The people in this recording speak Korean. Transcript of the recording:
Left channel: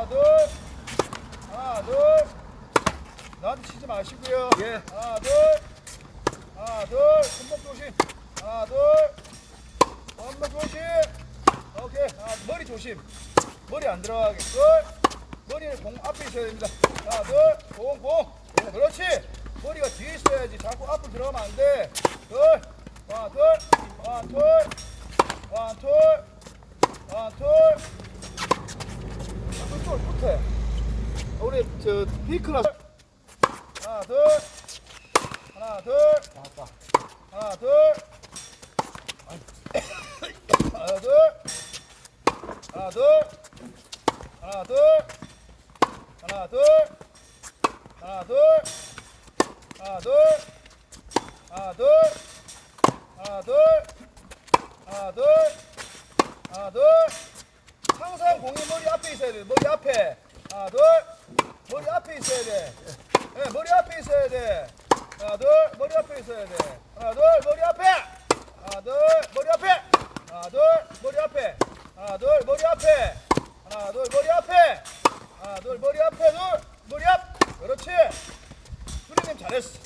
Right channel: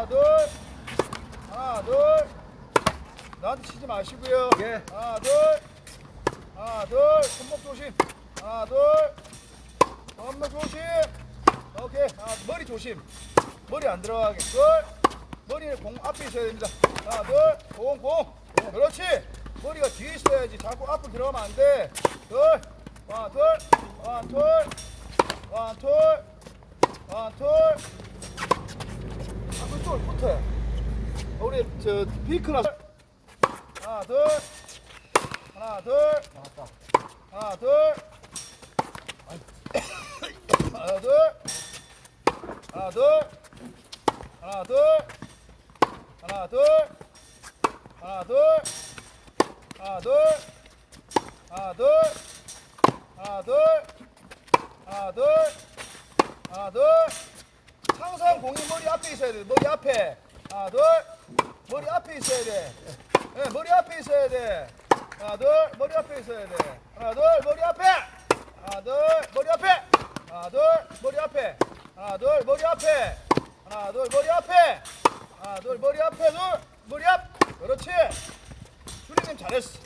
하나 둘 하나 둘 나한테 치지 마시고요 예. 하나 둘 하나 둘 손목 조심 하나 둘 손목 조심 오케이 하나, 머리 조심 머리 안 들어가게 둘 머리는 공 앞에 있어야 됩니다 하나 둘공공 그렇지 머리가 뒤에 있어야지 자꾸 앞으로 들어가면 안돼둘 하나 둘 하나 둘 하나 둘 하나 둘 이쪽 밑에 우리 저 피크나 하나 둘 하나 둘 나왔다. 하나 둘 하나 둘 하나 둘 하나 둘 하나 둘 하나 둘 하나 둘 하나 둘 하나 둘 하나 둘 하나 둘 항상 공이 머리 앞에 있어야 돼. 머리 앞에. 하나 둘. 머리 앞에 있어야 돼. 예, 머리 앞에 있어야 돼. 하나 둘. 머리 앞에 있어야 돼. 하나 둘. 머리 앞에. 하나 둘. 머리 앞에. 하나 둘. 머리 앞에. 하나 둘. 머리 앞에. 하나 둘. 머리 앞에. 하나 둘. 머리 앞에. 둘. 머리 앞. 그렇지. 수리님 잘했어